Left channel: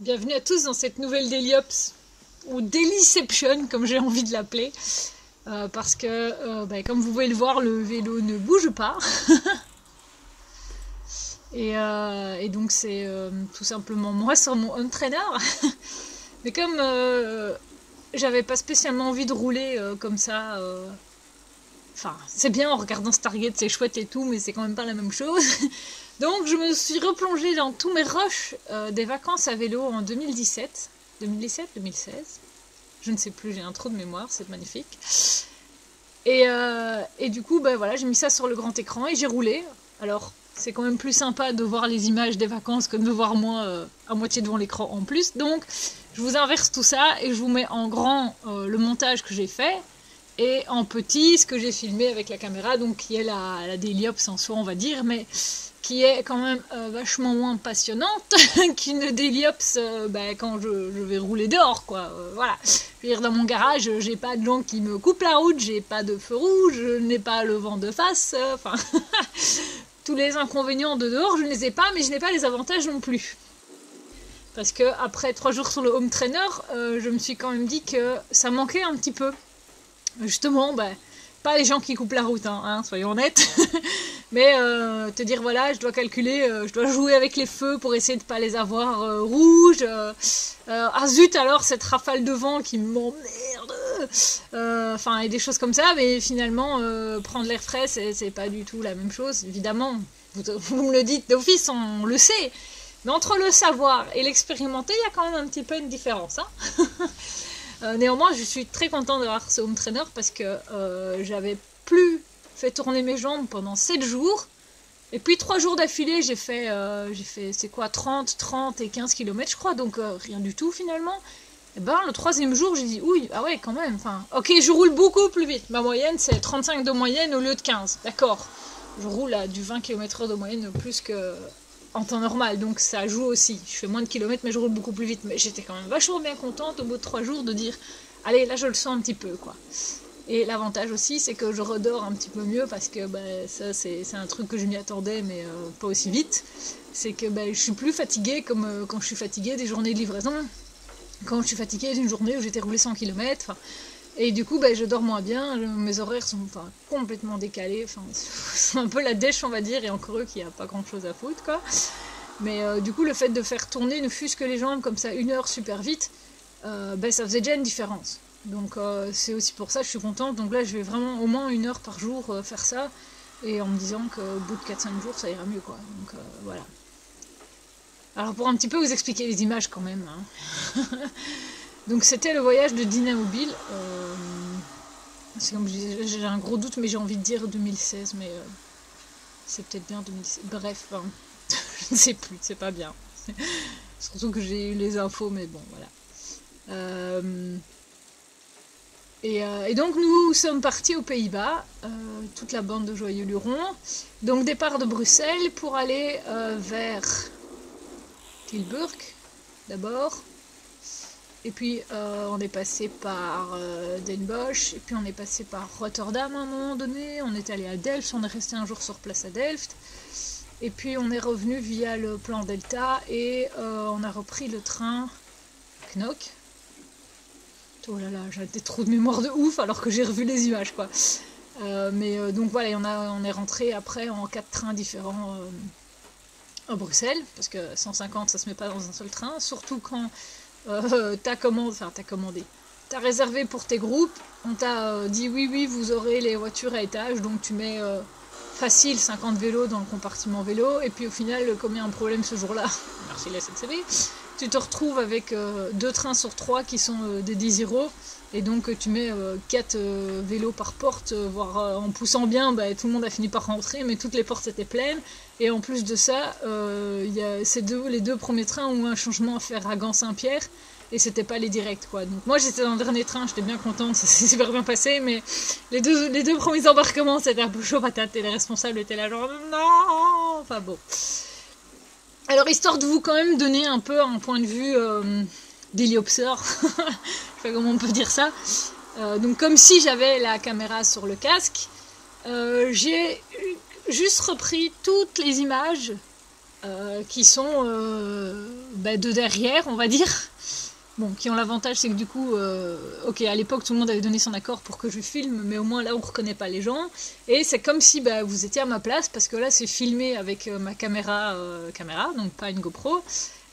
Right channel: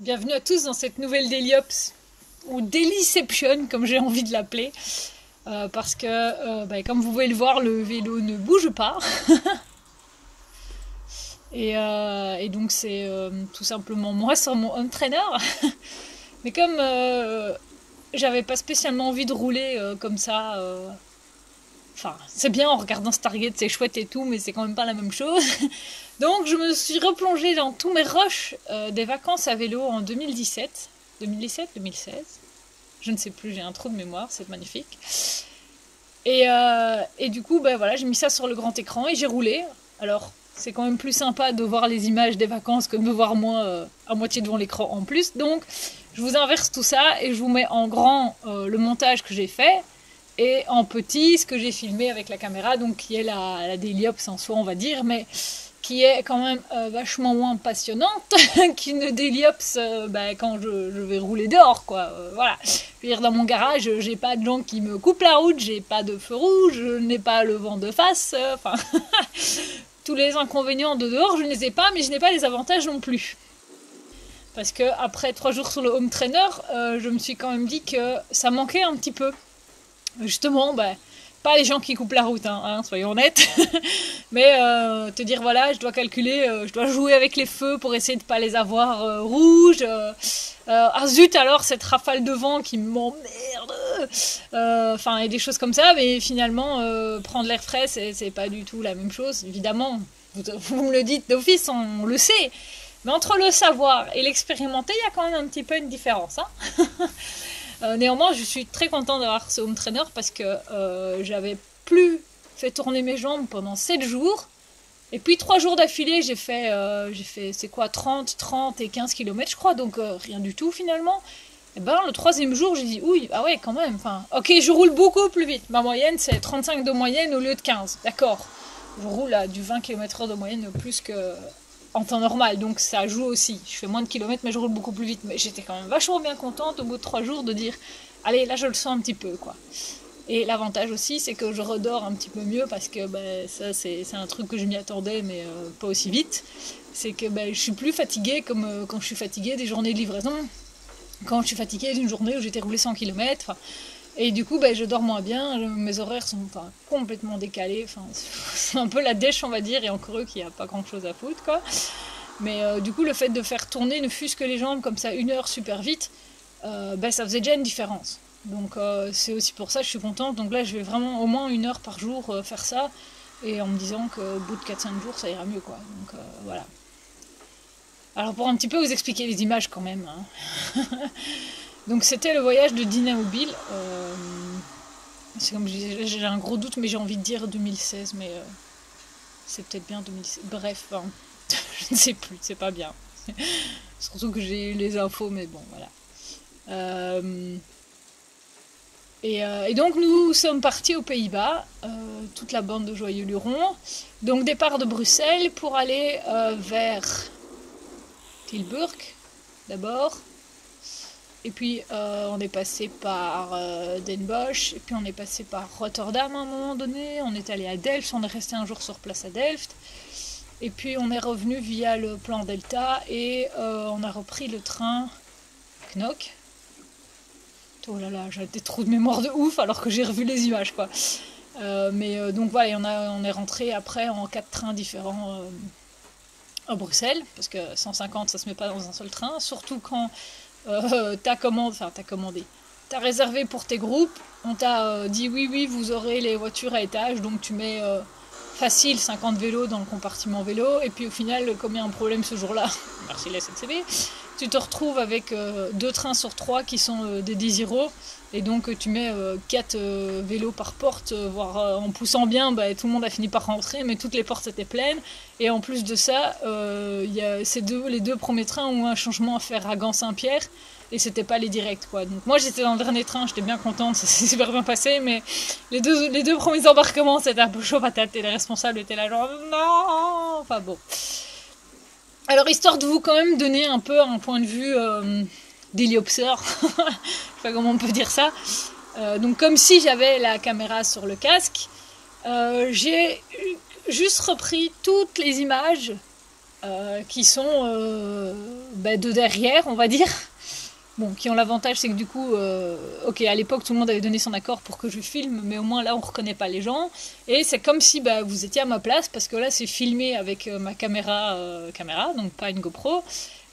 Bienvenue à tous dans cette nouvelle Dailyops, ou Dailyception comme j'ai envie de l'appeler, parce que comme vous pouvez le voir, le vélo ne bouge pas. et donc c'est tout simplement moi sur mon home trainer. Mais comme j'avais pas spécialement envie de rouler comme ça, enfin c'est bien en regardant Stargate, c'est chouette et tout, mais c'est quand même pas la même chose. Donc je me suis replongée dans tous mes rushs des vacances à vélo en 2017, 2016, je ne sais plus, j'ai un trou de mémoire, c'est magnifique. Et du coup, voilà, j'ai mis ça sur le grand écran et j'ai roulé. Alors c'est quand même plus sympa de voir les images des vacances que de me voir moi à moitié devant l'écran en plus. Donc je vous inverse tout ça et je vous mets en grand le montage que j'ai fait et en petit ce que j'ai filmé avec la caméra, donc qui est la Dailyops en soi on va dire, mais qui est quand même vachement moins passionnante qu'une Dailyops quand je vais rouler dehors, quoi. Voilà. Je veux dire, dans mon garage, j'ai pas de gens qui me coupent la route, j'ai pas de feu rouge, je n'ai pas le vent de face, enfin... tous les inconvénients de dehors, je ne les ai pas, mais je n'ai pas les avantages non plus. Parce que après 3 jours sur le home trainer, je me suis quand même dit que ça manquait un petit peu. Justement, pas les gens qui coupent la route, soyons honnêtes, mais te dire voilà, je dois calculer, je dois jouer avec les feux pour essayer de pas les avoir rouges. Ah zut alors cette rafale de vent qui m'emmerde, enfin et des choses comme ça, mais finalement prendre l'air frais c'est pas du tout la même chose, évidemment. Vous me le dites d'office, on le sait, mais entre le savoir et l'expérimenter, il y a quand même un petit peu une différence, hein. Néanmoins, je suis très contente d'avoir ce home trainer parce que j'avais plus fait tourner mes jambes pendant 7 jours. Et puis 3 jours d'affilée, j'ai fait c'est quoi, 30 et 15 km je crois, donc rien du tout finalement. Et le 3e jour, j'ai dit, oui, ah ouais, quand même, enfin, ok, je roule beaucoup plus vite. Ma moyenne, c'est 35 de moyenne au lieu de 15, d'accord. Je roule à du 20 km/h de moyenne plus que... en temps normal, donc ça joue aussi. Je fais moins de kilomètres, mais je roule beaucoup plus vite. Mais j'étais quand même vachement bien contente au bout de 3 jours de dire allez, là je le sens un petit peu, quoi. Et l'avantage aussi, c'est que je redors un petit peu mieux parce que ça c'est un truc que je m'y attendais, mais pas aussi vite. C'est que je suis plus fatiguée comme quand je suis fatiguée des journées de livraison, quand je suis fatiguée d'une journée où j'étais roulée 100 km. Et du coup, je dors moins bien, mes horaires sont complètement décalés, c'est un peu la dèche, on va dire, et encore eux qui a pas grand chose à foutre, quoi. Mais du coup, le fait de faire tourner ne fût-ce que les jambes comme ça 1 heure super vite, ça faisait déjà une différence. Donc c'est aussi pour ça que je suis contente. Donc là, je vais vraiment au moins 1 heure par jour faire ça, et en me disant qu'au bout de 4-5 jours, ça ira mieux, quoi. Donc voilà. Alors pour un petit peu vous expliquer les images quand même, hein. Donc c'était le voyage de Dina Mobile. C'est comme j'ai un gros doute, mais j'ai envie de dire 2016, mais c'est peut-être bien 2016. Bref, je ne sais plus, c'est pas bien. Surtout que j'ai eu les infos, mais bon, voilà. Et donc nous sommes partis aux Pays-Bas, toute la bande de joyeux lurons. Donc départ de Bruxelles pour aller vers Tilburg d'abord. Et puis on est passé par Den Bosch, et puis on est passé par Rotterdam à un moment donné, on est allé à Delft, on est resté un jour sur place à Delft, et puis on est revenu via le plan Delta, et on a repris le train Knock. Oh là là, j'ai des trous de mémoire de ouf alors que j'ai revu les images, quoi. Donc voilà, on est rentré après en 4 trains différents à Bruxelles, parce que 150 ça se met pas dans un seul train, surtout quand... t'as réservé pour tes groupes, on t'a dit oui, vous aurez les voitures à étage, donc tu mets facile 50 vélos dans le compartiment vélo, et puis au final, comme il y a un problème ce jour-là, merci la SNCB, tu te retrouves avec 2 trains sur 3 qui sont des Desiro, et donc tu mets 4 vélos par porte, voire en poussant bien, tout le monde a fini par rentrer, mais toutes les portes étaient pleines. Et en plus de ça, les 2 premiers trains ont un changement à faire à Gand-Saint-Pierre, et c'était pas les directs, quoi. Donc moi j'étais dans le dernier train, j'étais bien contente, ça s'est super bien passé, mais les deux premiers embarquements c'était un peu chaud patate, et les responsables étaient là genre non, enfin bon. Alors histoire de vous quand même donner un peu un point de vue d'héliopseur, je sais pas comment on peut dire ça, donc comme si j'avais la caméra sur le casque, j'ai juste repris toutes les images qui sont de derrière, on va dire. Bon, qui ont l'avantage, c'est que du coup, ok, à l'époque, tout le monde avait donné son accord pour que je filme, mais au moins là, on ne reconnaît pas les gens. Et c'est comme si vous étiez à ma place, parce que là, c'est filmé avec ma caméra, donc pas une GoPro,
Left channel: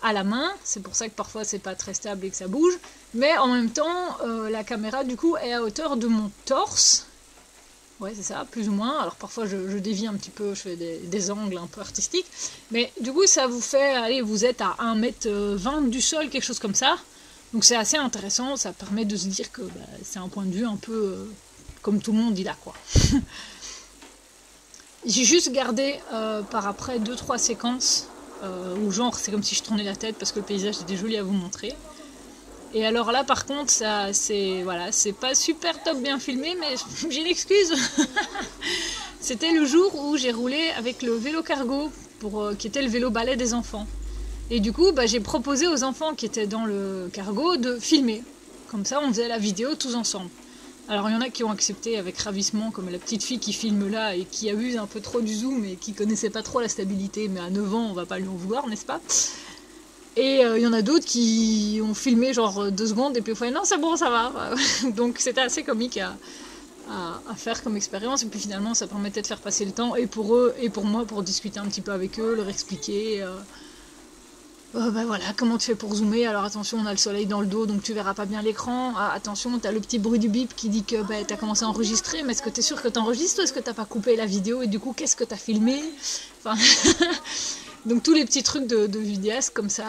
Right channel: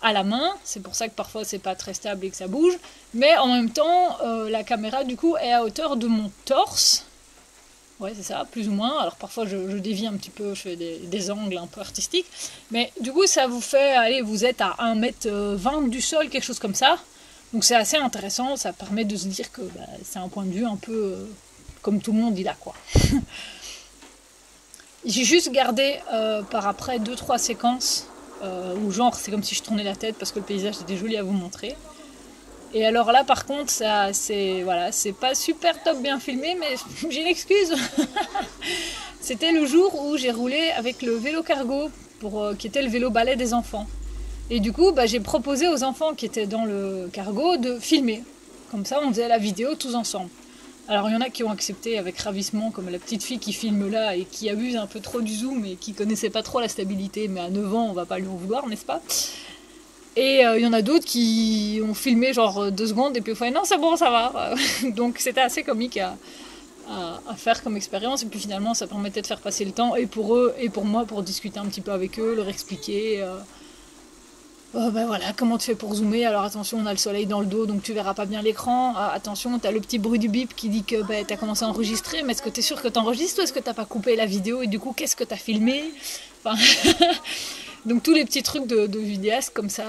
à la main. C'est pour ça que parfois, c'est pas très stable et que ça bouge. Mais en même temps, la caméra, du coup, est à hauteur de mon torse. Ouais, c'est ça, plus ou moins. Alors parfois, je dévie un petit peu, je fais des angles un peu artistiques. Mais du coup, ça vous fait, allez, vous êtes à 1m20 du sol, quelque chose comme ça. Donc c'est assez intéressant, ça permet de se dire que c'est un point de vue un peu comme tout le monde il a, quoi. J'ai juste gardé par après 2-3 séquences où genre c'est comme si je tournais la tête parce que le paysage était joli à vous montrer. Et alors là par contre c'est pas super top bien filmé, mais j'ai une excuse. C'était le jour où j'ai roulé avec le vélo cargo qui était le vélo balai des enfants. Et du coup, j'ai proposé aux enfants qui étaient dans le cargo de filmer. Comme ça, on faisait la vidéo tous ensemble. Alors, il y en a qui ont accepté avec ravissement, comme la petite fille qui filme là et qui abuse un peu trop du zoom et qui connaissait pas trop la stabilité. Mais à 9 ans, on va pas lui en vouloir, n'est-ce pas? Et il y en a d'autres qui ont filmé genre 2 secondes et puis au final, non, c'est bon, ça va. Donc, c'était assez comique à faire comme expérience. Et puis finalement, ça permettait de faire passer le temps, et pour eux et pour moi, pour discuter un petit peu avec eux, leur expliquer... voilà, comment tu fais pour zoomer? Alors attention, on a le soleil dans le dos, donc tu verras pas bien l'écran. Ah, attention, t'as le petit bruit du bip qui dit que t'as commencé à enregistrer, mais est-ce que t'es sûr que t'enregistres ou est-ce que t'as pas coupé la vidéo et du coup, qu'est-ce que t'as filmé? Enfin, donc tous les petits trucs de vidéaste comme ça,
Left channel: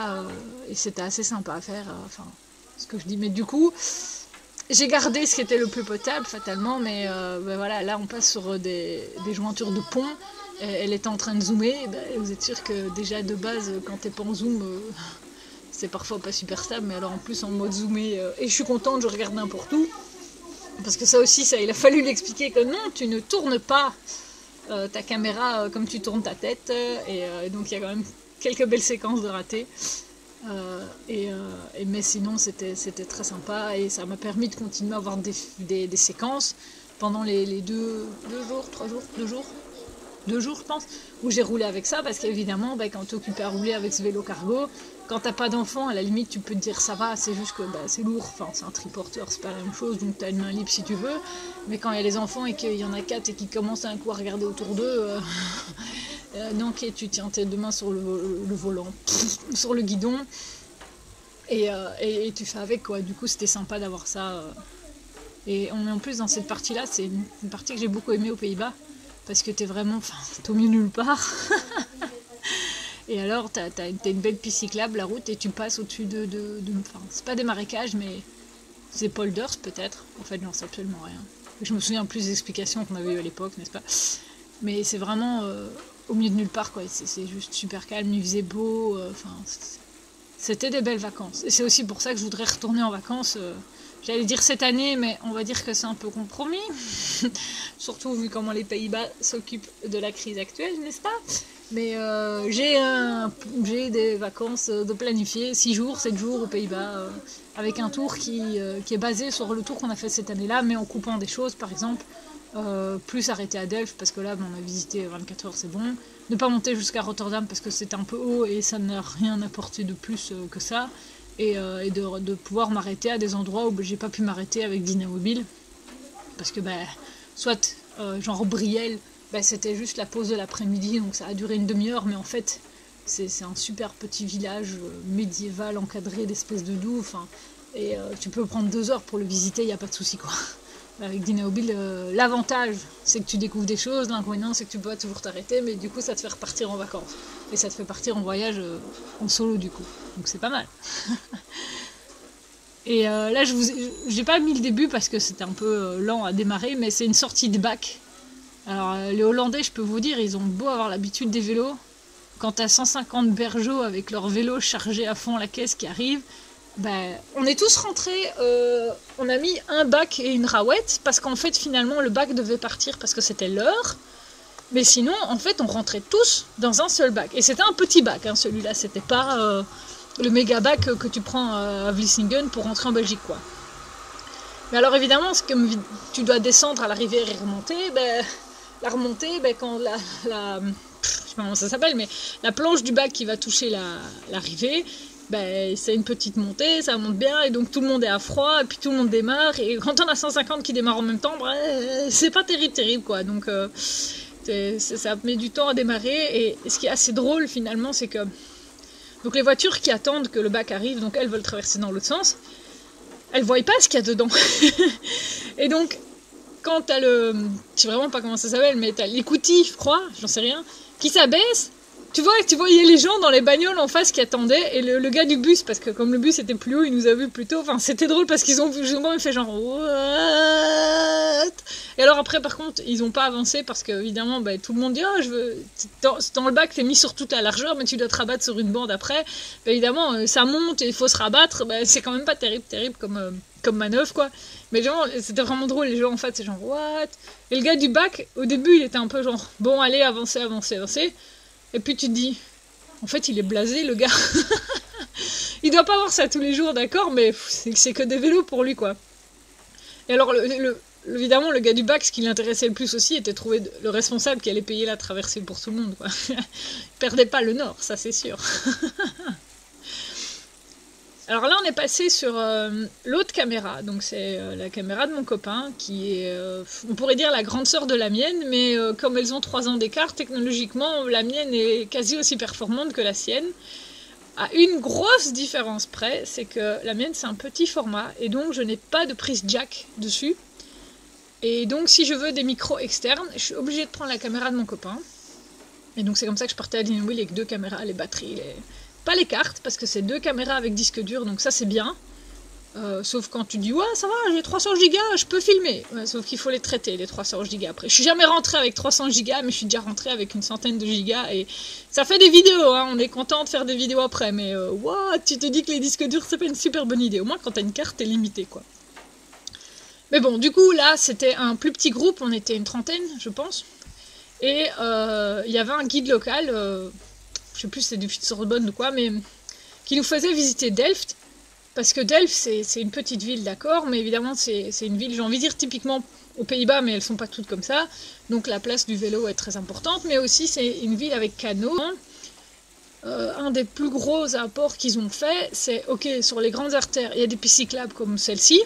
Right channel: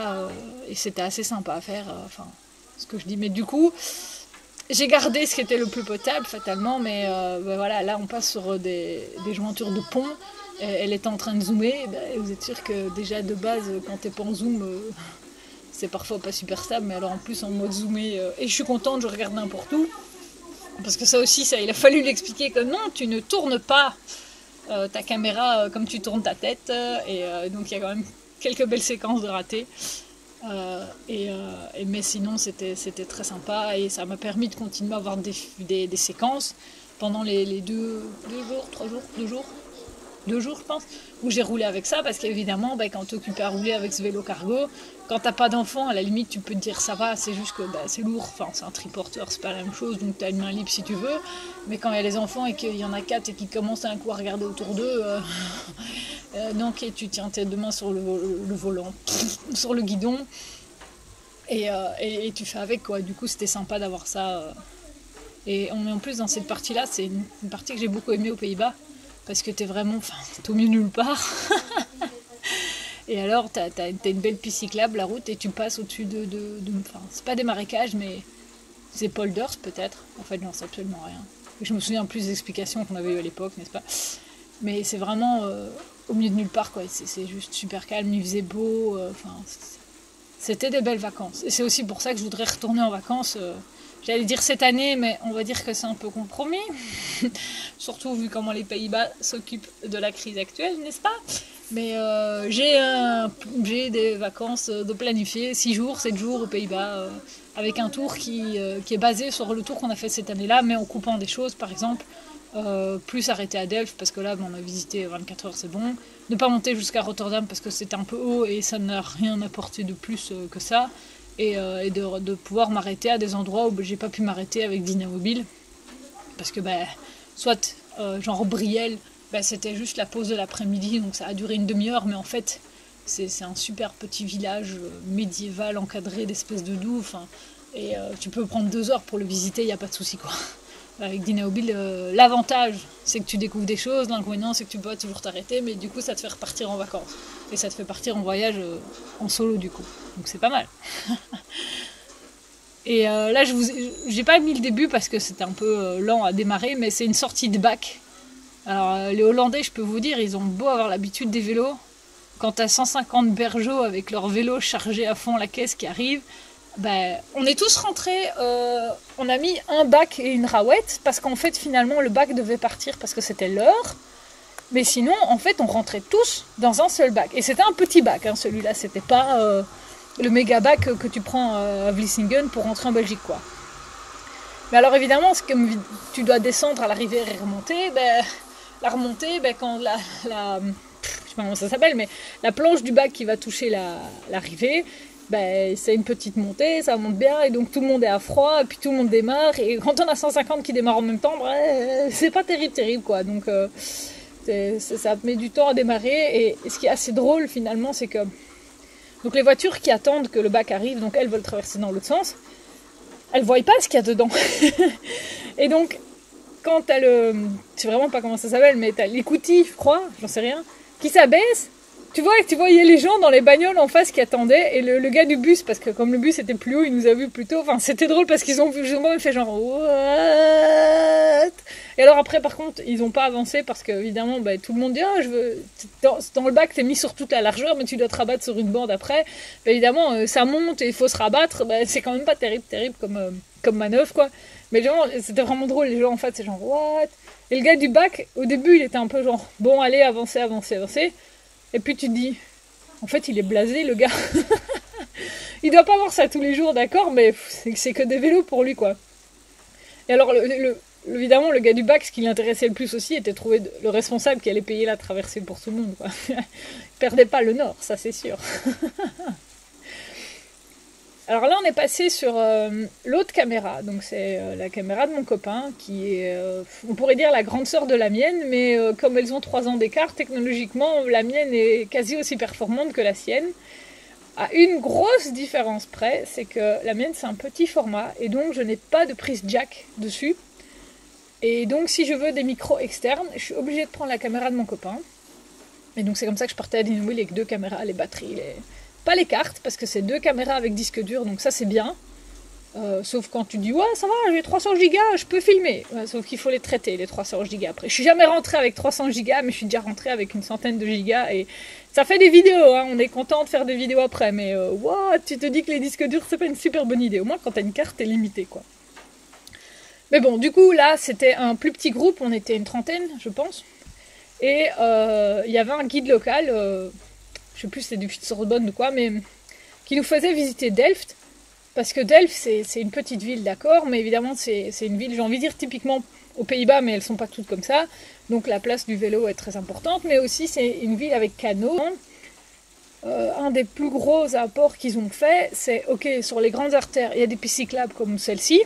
et c'était assez sympa à faire. Ce que je dis, mais du coup, j'ai gardé ce qui était le plus potable, fatalement, mais voilà, là on passe sur des jointures de pont. Elle est en train de zoomer, vous êtes sûr que déjà de base, quand t'es pas en zoom, c'est parfois pas super stable, mais alors en plus en mode zoomé, et je suis contente, je regarde n'importe où, parce que ça aussi, il a fallu lui expliquer que non, tu ne tournes pas ta caméra comme tu tournes ta tête, et donc il y a quand même quelques belles séquences de ratés, mais sinon c'était très sympa, et ça m'a permis de continuer à avoir des séquences pendant les 2 jours, je pense, où j'ai roulé avec ça, parce qu'évidemment, quand tu es occupé à rouler avec ce vélo cargo, quand t'as pas d'enfant, à la limite, tu peux te dire ça va, c'est juste que c'est lourd, enfin, c'est un triporteur, c'est pas la même chose, donc t'as une main libre si tu veux, mais quand il y a les enfants et qu'il y en a 4 et qu'ils commencent un coup à regarder autour d'eux, non, ok, tu tiens tes 2 mains sur le volant, sur le guidon, et tu fais avec, quoi. Du coup, c'était sympa d'avoir ça. Et en plus, dans cette partie-là, c'est une partie que j'ai beaucoup aimée aux Pays-Bas, parce que t'es au milieu nulle part. Et alors, t'as une belle piste cyclable, la route, et tu passes au-dessus c'est pas des marécages, mais c'est polders peut-être. En fait, j'en sais absolument rien. Je me souviens plus des explications qu'on avait eues à l'époque, n'est-ce pas? Mais c'est vraiment au milieu de nulle part, quoi. C'est juste super calme, il faisait beau. C'était des belles vacances. Et c'est aussi pour ça que je voudrais retourner en vacances. J'allais dire cette année, mais on va dire que c'est un peu compromis. Surtout vu comment les Pays-Bas s'occupent de la crise actuelle, n'est-ce pas? Mais j'ai des vacances de planifier, 6 jours, 7 jours aux Pays-Bas, avec un tour qui est basé sur le tour qu'on a fait cette année-là, mais en coupant des choses, par exemple, plus arrêter à Delft, parce que là, on a visité 24 heures, c'est bon. Ne pas monter jusqu'à Rotterdam, parce que c'est un peu haut et ça n'a rien apporté de plus que ça. Et de pouvoir m'arrêter à des endroits où j'ai pas pu m'arrêter avec Dynamobile, parce que soit genre Brielle, c'était juste la pause de l'après-midi, donc ça a duré une demi-heure, mais en fait c'est un super petit village médiéval encadré d'espèces de douves, et tu peux prendre 2 heures pour le visiter, il n'y a pas de souci, quoi. Avec Dynamobile, l'avantage c'est que tu découvres des choses, l'inconvénient c'est que tu peux toujours t'arrêter, mais du coup ça te fait repartir en vacances, et ça te fait partir en voyage en solo du coup, donc c'est pas mal. Et là j'ai pas mis le début parce que c'était un peu lent à démarrer, mais c'est une sortie de bac. Alors les Hollandais, je peux vous dire, ils ont beau avoir l'habitude des vélos, quand t'as 150 bergeaux avec leur vélo chargé à fond la caisse qui arrive, on est tous rentrés, on a mis un bac et une rawette, parce qu'en fait finalement le bac devait partir parce que c'était l'heure, mais sinon en fait on rentrait tous dans un seul bac, et c'était un petit bac, hein, celui-là, c'était pas le méga bac que tu prends à Vlissingen pour rentrer en Belgique, quoi. Mais alors évidemment, comme tu dois descendre à la rivière et remonter, la remontée, quand je sais pas comment ça s'appelle, mais la planche du bac qui va toucher l'arrivée, ben, c'est une petite montée, ça monte bien, et donc tout le monde est à froid, et puis tout le monde démarre, et quand on a 150 qui démarrent en même temps, ben, c'est pas terrible, quoi. Donc ça met du temps à démarrer, et ce qui est assez drôle finalement, c'est que donc les voitures qui attendent que le bac arrive, donc elles veulent traverser dans l'autre sens, elles voient pas ce qu'il y a dedans. Et donc, quand t'as je sais vraiment pas comment ça s'appelle, mais t'as l'écoutille, je crois, j'en sais rien, qui s'abaisse, tu voyais les gens dans les bagnoles en face qui attendaient, et le gars du bus, parce que comme le bus était plus haut, il nous a vu plus tôt, enfin c'était drôle parce qu'ils ont quand même fait genre what. Et alors après par contre ils ont pas avancé parce que évidemment bah, tout le monde dit ah, je veux dans le bac t'es mis sur toute la largeur mais tu dois te rabattre sur une bande après, bah, évidemment ça monte et il faut se rabattre, bah, c'est quand même pas terrible comme manœuvre quoi. Mais genre c'était vraiment drôle, les gens en fait c'est genre what. Et le gars du bac au début il était un peu genre bon allez avancez. Et puis tu te dis, en fait il est blasé le gars. Il doit pas voir ça tous les jours, d'accord, mais c'est que des vélos pour lui quoi. Et alors évidemment le gars du bac, ce qui l'intéressait le plus aussi, était de trouver le responsable qui allait payer la traversée pour tout le monde quoi. Il perdait pas le nord, ça c'est sûr. Alors là on est passé sur l'autre caméra, donc c'est la caméra de mon copain qui est, on pourrait dire la grande sœur de la mienne, mais comme elles ont 3 ans d'écart, technologiquement la mienne est quasi aussi performante que la sienne. À une grosse différence près, c'est que la mienne c'est un petit format et donc je n'ai pas de prise jack dessus. Et donc si je veux des micros externes, je suis obligée de prendre la caméra de mon copain. Et donc c'est comme ça que je partais à Dinouille avec 2 caméras, les batteries, pas les cartes, parce que c'est 2 caméras avec disque dur, donc ça c'est bien. Sauf quand tu dis ouais ça va, j'ai 300 gigas, je peux filmer. Ouais, sauf qu'il faut les traiter les 300 gigas après. Je suis jamais rentrée avec 300 gigas, mais je suis déjà rentrée avec une centaine de gigas et ça fait des vidéos. Hein, on est content de faire des vidéos après, mais what, tu te dis que les disques durs c'est pas une super bonne idée. Au moins quand t'as une carte t'es limité quoi. Mais bon, du coup là c'était un plus petit groupe, on était une trentaine je pense, et il y avait un guide local. Je sais plus si c'est du Sorbonne ou quoi, mais qui nous faisait visiter Delft, parce que Delft c'est une petite ville, d'accord, mais évidemment c'est une ville, j'ai envie de dire typiquement aux Pays-Bas, mais elles sont pas toutes comme ça, donc la place du vélo est très importante, mais aussi c'est une ville avec canaux. Un des plus gros apports qu'ils ont fait, c'est ok, sur les grandes artères, il y a des pistes cyclables comme celle-ci.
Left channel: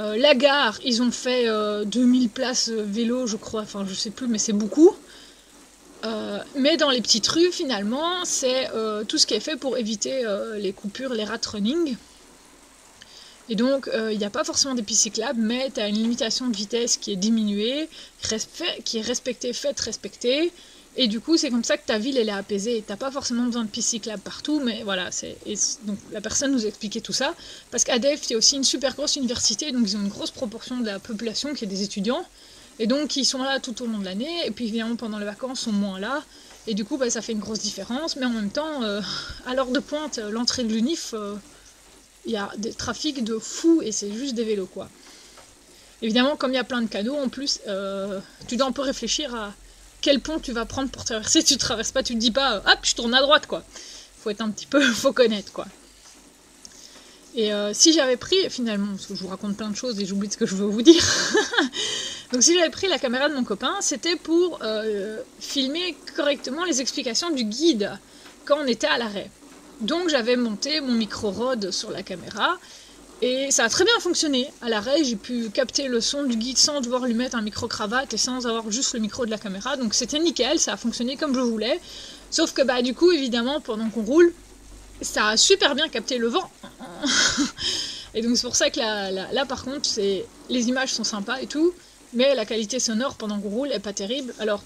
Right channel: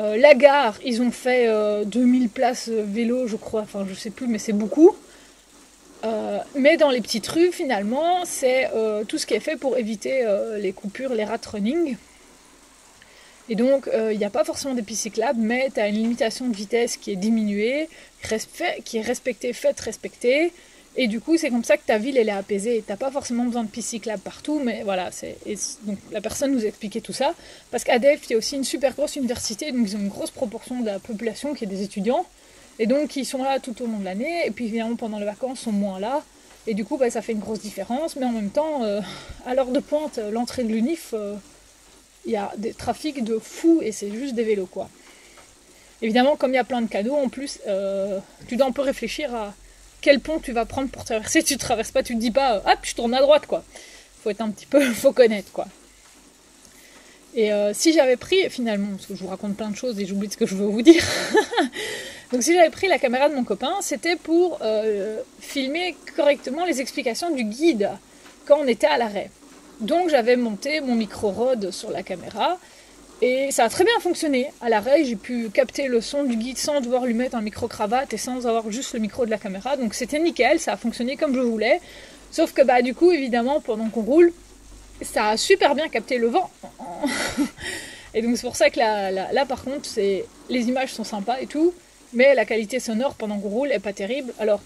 La gare, ils ont fait 2000 places vélo, je crois, enfin je sais plus, mais c'est beaucoup. Mais dans les petites rues, finalement, c'est tout ce qui est fait pour éviter les coupures, les rat running. Et donc, il n'y a pas forcément des pistes cyclables, mais tu as une limitation de vitesse qui est diminuée, qui est respectée, faite respecter. Et du coup, c'est comme ça que ta ville, elle est apaisée. Tu n'as pas forcément besoin de pistes cyclables partout, mais voilà. Donc, la personne nous expliquait tout ça. Parce qu'à Delft, il y a aussi une super grosse université, donc ils ont une grosse proportion de la population qui est des étudiants. Et donc ils sont là tout au long de l'année, et puis évidemment pendant les vacances ils sont moins là, et du coup bah, ça fait une grosse différence, mais en même temps, à l'heure de pointe, l'entrée de l'UNIF, il y a des trafics de fous, et c'est juste des vélos quoi. Évidemment comme il y a plein de canaux en plus, tu dois un peu réfléchir à quel pont tu vas prendre pour traverser, tu traverses pas, tu te dis pas hop je tourne à droite quoi, faut être un petit peu, faut connaître quoi. Et si j'avais pris finalement, parce que je vous raconte plein de choses et j'oublie ce que je veux vous dire. Donc si j'avais pris la caméra de mon copain, c'était pour filmer correctement les explications du guide quand on était à l'arrêt. Donc j'avais monté mon micro Rode sur la caméra et ça a très bien fonctionné. À l'arrêt, j'ai pu capter le son du guide sans devoir lui mettre un micro cravate et sans avoir juste le micro de la caméra. Donc c'était nickel, ça a fonctionné comme je voulais. Sauf que bah du coup, évidemment, pendant qu'on roule, ça a super bien capté le vent. Et donc c'est pour ça que là par contre, les images sont sympas et tout. Mais la qualité sonore pendant qu'on roule est pas terrible. Alors,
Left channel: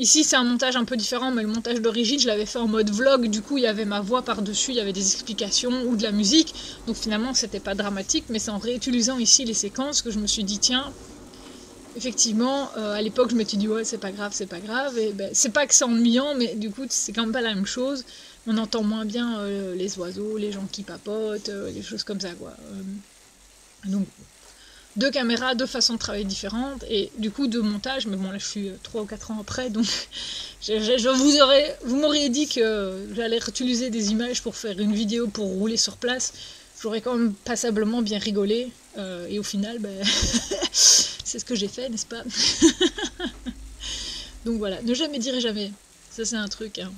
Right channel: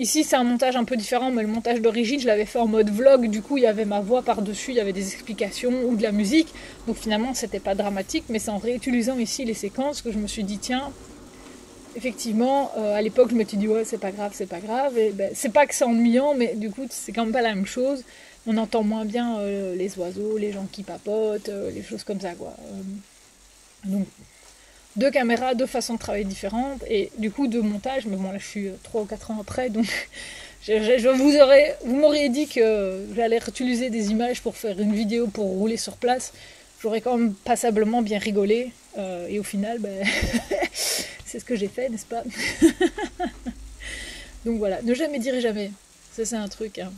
ici c'est un montage un peu différent, mais le montage d'origine, je l'avais fait en mode vlog, du coup il y avait ma voix par-dessus, il y avait des explications ou de la musique, donc finalement c'était pas dramatique, mais c'est en réutilisant ici les séquences que je me suis dit, tiens, effectivement, à l'époque je me suis dit, ouais c'est pas grave, et ben, c'est pas que c'est ennuyant, mais du coup c'est quand même pas la même chose, on entend moins bien les oiseaux, les gens qui papotent, les choses comme ça quoi. Donc, 2 caméras, 2 façons de travailler différentes, et du coup 2 montages, mais bon là je suis 3 ou 4 ans après, donc vous m'auriez dit que j'allais réutiliser des images pour faire une vidéo pour rouler sur place, j'aurais quand même passablement bien rigolé, et au final, ben, c'est ce que j'ai fait, n'est-ce pas? Donc voilà, ne jamais dire jamais, Ça c'est un truc. Hein.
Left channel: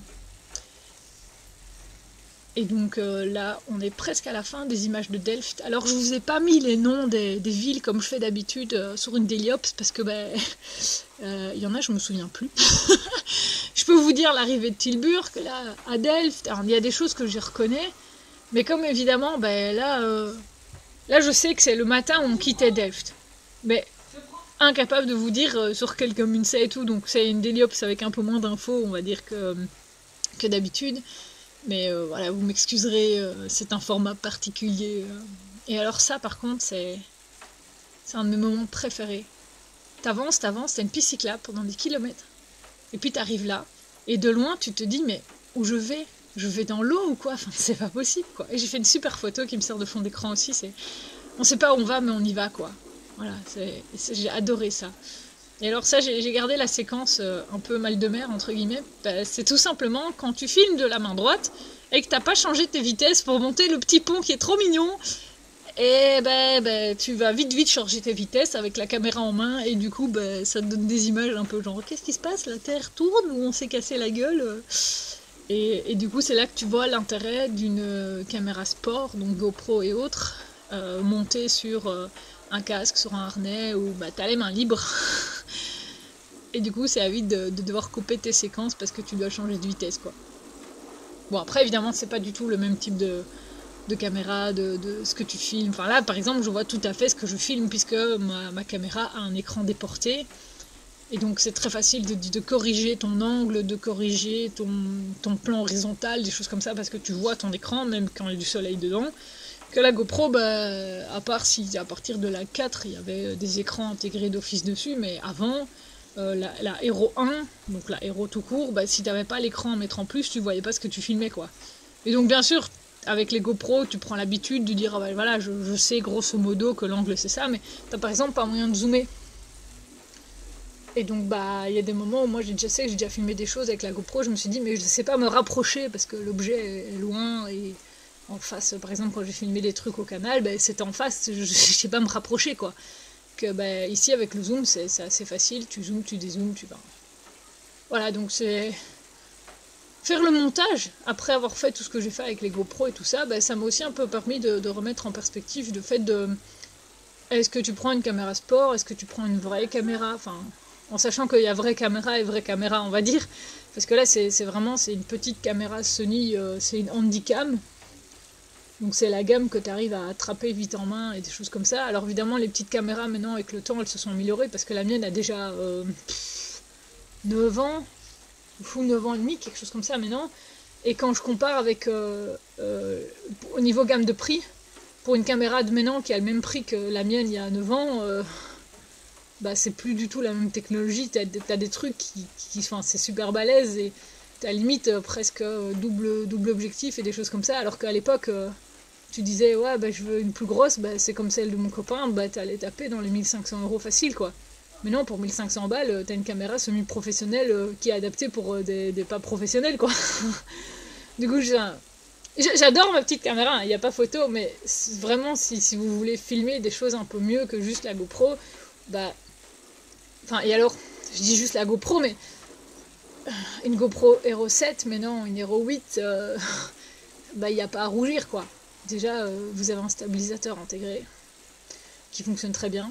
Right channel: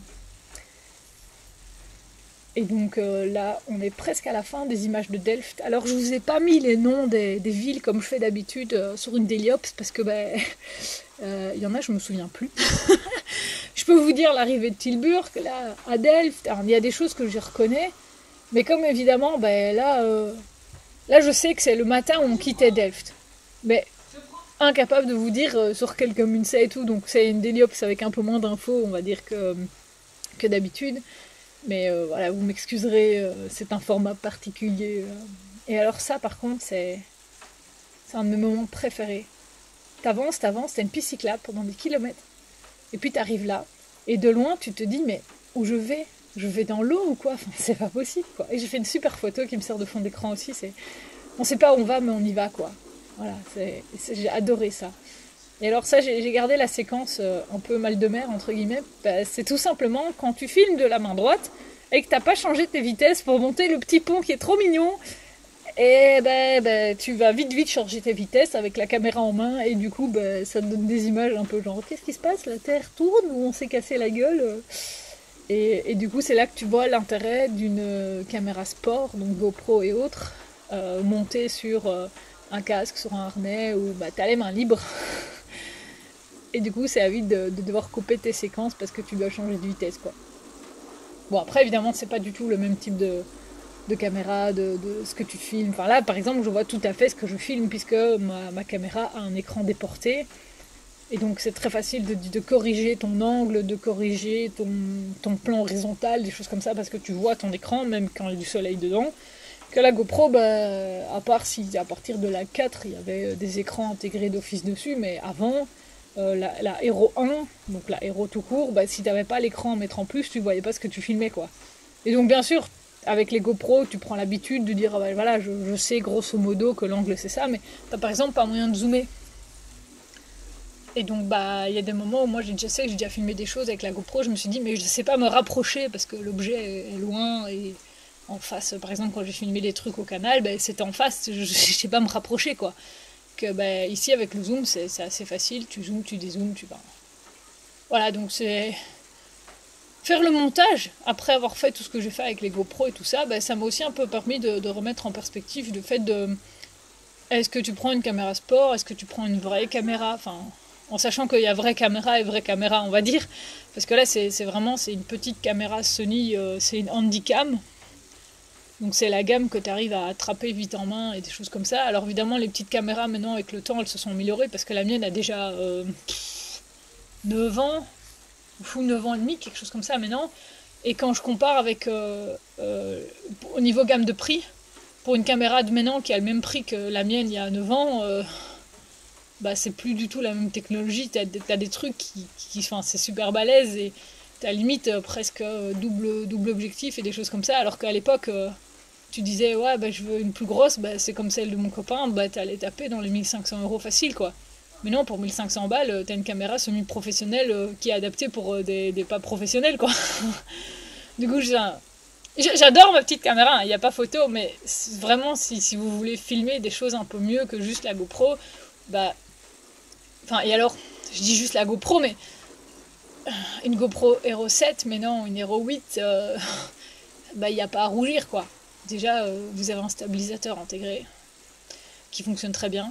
Et donc là, on est presque à la fin des images de Delft. Alors je vous ai pas mis les noms des villes comme je fais d'habitude sur une Déliops parce que il y en a, je me souviens plus. Je peux vous dire l'arrivée de Tilburg, là, à Delft. Alors, il y a des choses que je reconnais, mais comme évidemment, là je sais que c'est le matin où on quittait Delft. Mais incapable de vous dire sur quelle commune c'est et tout. Donc c'est une Déliops avec un peu moins d'infos, on va dire, que d'habitude. Mais voilà, vous m'excuserez, c'est un format particulier. Et alors ça, par contre, c'est un de mes moments préférés. T'avances, t'as une piste cyclable pendant des kilomètres. Et puis t'arrives là, et de loin, tu te dis, mais où je vais? Je vais dans l'eau ou quoi? Enfin, c'est pas possible, quoi. Et j'ai fait une super photo qui me sert de fond d'écran aussi. On sait pas où on va, mais on y va, quoi. Voilà, j'ai adoré ça. Et alors ça, j'ai gardé la séquence un peu mal de mer, entre guillemets. C'est tout simplement quand tu filmes de la main droite et que t'as pas changé tes vitesses pour monter le petit pont qui est trop mignon. Et tu vas vite changer tes vitesses avec la caméra en main et du coup ça te donne des images un peu genre qu'est-ce qui se passe? La Terre tourne ou on s'est cassé la gueule? Et du coup c'est là que tu vois l'intérêt d'une caméra sport, donc GoPro et autres, montée sur un casque, sur un harnais où t'as les mains libres. Et du coup, c'est à vite de devoir couper tes séquences parce que tu dois changer de vitesse, quoi. Bon, après, évidemment, c'est pas du tout le même type de caméra, de ce que tu filmes. Enfin là, par exemple, je vois tout à fait ce que je filme puisque ma caméra a un écran déporté. Et donc, c'est très facile de corriger ton angle, de corriger ton plan horizontal, des choses comme ça, parce que tu vois ton écran, même quand il y a du soleil dedans. Que la GoPro, à part si à partir de la 4, il y avait des écrans intégrés d'office dessus, mais avant... la Hero 1, donc la Hero tout court, si t'avais pas l'écran à mettre en plus, tu voyais pas ce que tu filmais, quoi. Et donc bien sûr, avec les GoPro, tu prends l'habitude de dire voilà, je sais grosso modo que l'angle c'est ça, mais t'as par exemple pas moyen de zoomer. Et donc il y a des moments où moi j'ai déjà filmé des choses avec la GoPro, je me suis dit mais je sais pas me rapprocher parce que l'objet est loin et en face, par exemple quand j'ai filmé des trucs au canal, c'était en face, je sais pas me rapprocher, quoi. Que ici avec le zoom c'est assez facile, tu zoomes, tu dézoomes, tu vas. Voilà, donc c'est faire le montage après avoir fait tout ce que j'ai fait avec les GoPro et tout ça, ça m'a aussi un peu permis de remettre en perspective le fait de est-ce que tu prends une caméra sport, est-ce que tu prends une vraie caméra, enfin en sachant qu'il y a vraie caméra et vraie caméra, on va dire, parce que là c'est une petite caméra Sony, c'est une Handycam. Donc c'est la gamme que tu arrives à attraper vite en main et des choses comme ça. Alors évidemment les petites caméras maintenant avec le temps elles se sont améliorées parce que la mienne a déjà 9 ans, ou 9 ans et demi, quelque chose comme ça maintenant. Et quand je compare avec au niveau gamme de prix, pour une caméra de maintenant qui a le même prix que la mienne il y a 9 ans, c'est plus du tout la même technologie. T'as des trucs qui c'est super balèze et t'as limite presque double objectif et des choses comme ça, alors qu'à l'époque tu disais ouais je veux une plus grosse, c'est comme celle de mon copain, t'allais taper dans les 1500 € facile, quoi. Mais non, pour 1500 balles t'as une caméra semi-professionnelle qui est adaptée pour des pas professionnels, quoi. Du coup j'adore ma petite caméra, il n'y a pas photo, mais vraiment si vous voulez filmer des choses un peu mieux que juste la GoPro, et alors je dis juste la GoPro, mais une GoPro Hero 7, mais non, une Hero 8, il n'y a pas à rougir, quoi. Déjà, vous avez un stabilisateur intégré qui fonctionne très bien.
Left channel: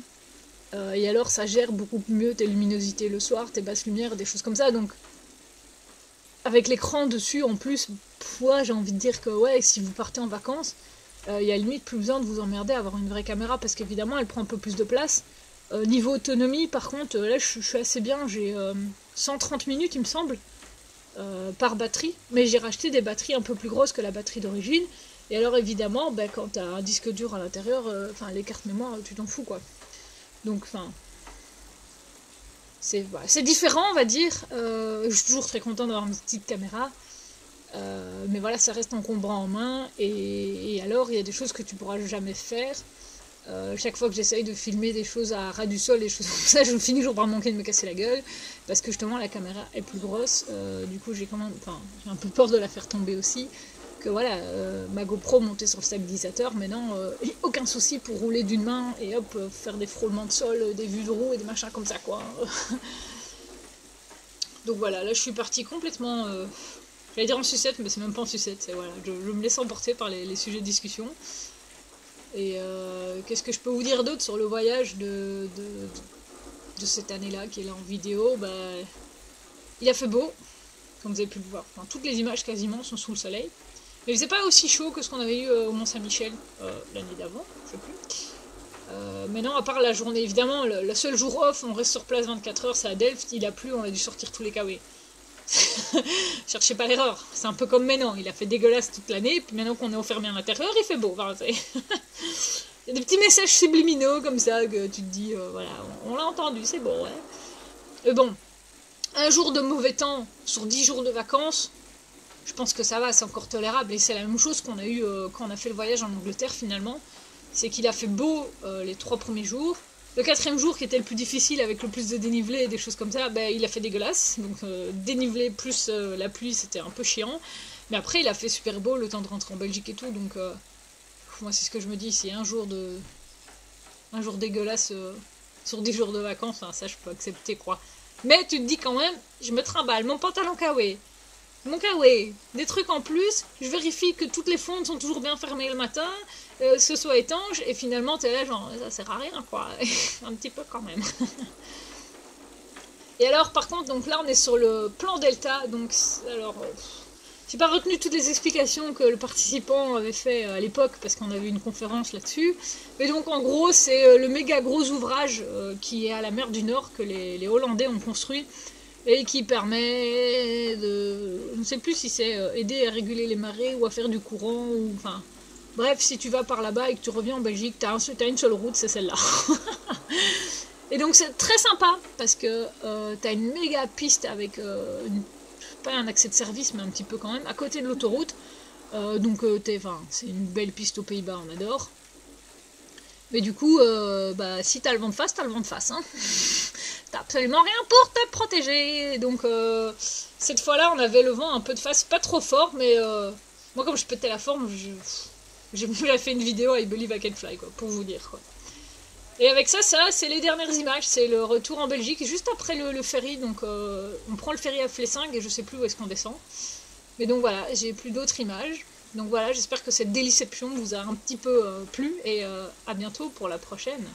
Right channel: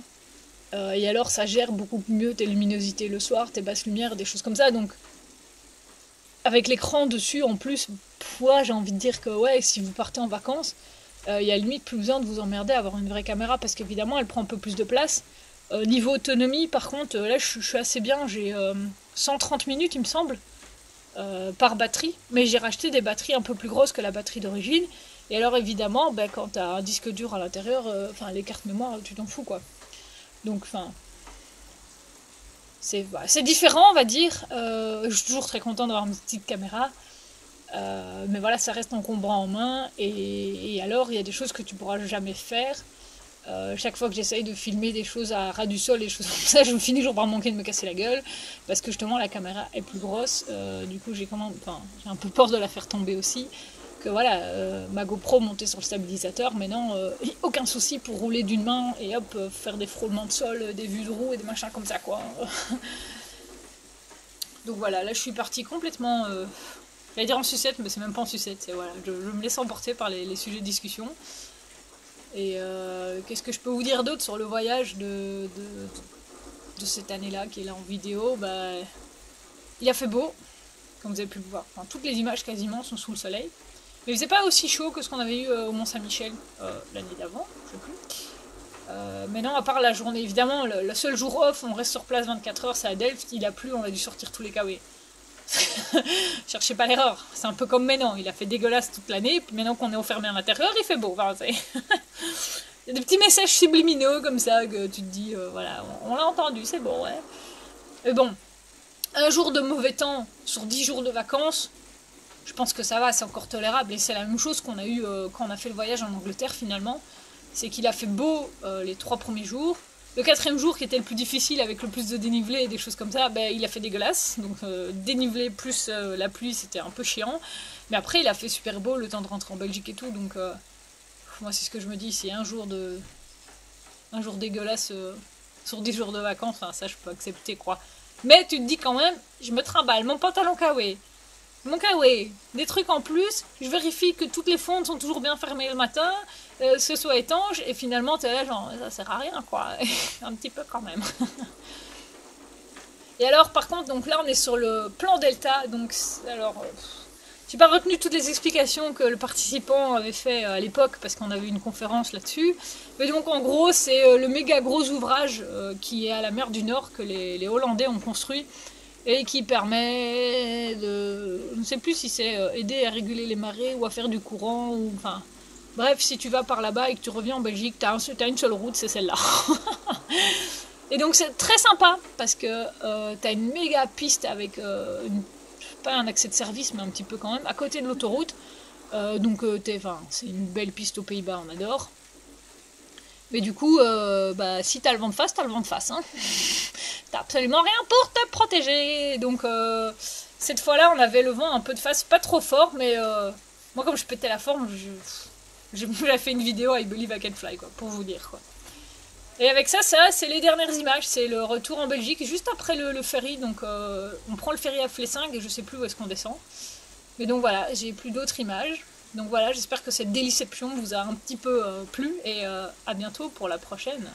Et alors, ça gère beaucoup mieux tes luminosités le soir, tes basses lumières, des choses comme ça. Donc, avec l'écran dessus, en plus, j'ai envie de dire que si vous partez en vacances, il y a limite plus besoin de vous emmerder à avoir une vraie caméra parce qu'évidemment, elle prend un peu plus de place. Niveau autonomie, par contre, là je suis assez bien, j'ai 130 minutes il me semble par batterie, mais j'ai racheté des batteries un peu plus grosses que la batterie d'origine. Et alors évidemment, quand tu as un disque dur à l'intérieur, les cartes mémoire, tu t'en fous, quoi. Donc c'est différent, on va dire. Je suis toujours très content d'avoir une petite caméra, mais voilà, ça reste encombrant en main. Et alors il y a des choses que tu pourras jamais faire. Chaque fois que j'essaye de filmer des choses à ras du sol et des choses comme ça, je me finis toujours par manquer de me casser la gueule parce que justement la caméra est plus grosse. Du coup j'ai un peu peur de la faire tomber aussi. Que voilà, ma GoPro montée sur le stabilisateur, maintenant aucun souci pour rouler d'une main et hop, faire des frôlements de sol, des vues de roue et des machins comme ça, quoi. Donc voilà, là je suis partie complètement, j'allais dire en sucette, mais c'est même pas en sucette, voilà, je me laisse emporter par les sujets de discussion. Et qu'est-ce que je peux vous dire d'autre sur le voyage de cette année-là qui est là en vidéo? Il a fait beau, comme vous avez pu le voir. Enfin, toutes les images quasiment sont sous le soleil. Mais il faisait pas aussi chaud que ce qu'on avait eu au Mont-Saint-Michel l'année d'avant, je sais plus. Mais non, à part la journée, évidemment, le seul jour off, on reste sur place 24 heures, c'est à Delft, il a plu, on a dû sortir tous les kawés. Cherchez pas l'erreur, c'est un peu comme maintenant, il a fait dégueulasse toute l'année, puis maintenant qu'on est enfermé à l'intérieur, il fait beau. Enfin, il y a des petits messages subliminaux comme ça que tu te dis, voilà, on l'a entendu, c'est bon, ouais. Mais bon, un jour de mauvais temps sur 10 jours de vacances, je pense que ça va, c'est encore tolérable. Et c'est la même chose qu'on a eu quand on a fait le voyage en Angleterre finalement. C'est qu'il a fait beau les 3 premiers jours. Le 4e jour, qui était le plus difficile avec le plus de dénivelé et des choses comme ça, il a fait dégueulasse. Donc dénivelé plus la pluie, c'était un peu chiant. Mais après, il a fait super beau le temps de rentrer en Belgique et tout. Donc moi, c'est ce que je me dis, c'est un jour dégueulasse sur 10 jours de vacances, enfin, ça je peux accepter quoi. Mais tu te dis quand même, je me trimballe mon pantalon kawé, mon kawé, des trucs en plus, je vérifie que toutes les fontes sont toujours bien fermées le matin, ce soit étanche, et finalement t'es là genre, ça sert à rien quoi, un petit peu quand même. Et alors par contre, donc là on est sur le plan Delta, donc alors... J'ai pas retenu toutes les explications que le participant avait fait à l'époque parce qu'on avait une conférence là-dessus. Mais donc en gros c'est le méga gros ouvrage qui est à la mer du Nord que les Hollandais ont construit et qui permet de... Je ne sais plus si c'est aider à réguler les marées ou à faire du courant ou... Enfin, bref, si tu vas par là-bas et que tu reviens en Belgique, t'as une seule route, c'est celle-là. Et donc c'est très sympa parce que t'as une méga piste avec pas un accès de service mais un petit peu quand même à côté de l'autoroute, donc c'est une belle piste aux Pays-Bas, on adore. Mais du coup si t'as le vent de face, t'as le vent de face, hein. T'as absolument rien pour te protéger. Donc cette fois-là on avait le vent un peu de face, pas trop fort, mais moi comme je pétais la forme, je vous ai fait une vidéo I Believe I Can Fly quoi, pour vous dire quoi. Et avec ça c'est les dernières images, c'est le retour en Belgique, juste après le ferry, donc on prend le ferry à Flessingue et je sais plus où est-ce qu'on descend. Mais donc voilà, j'ai plus d'autres images. Donc voilà, j'espère que cette déliception vous a un petit peu plu et à bientôt pour la prochaine.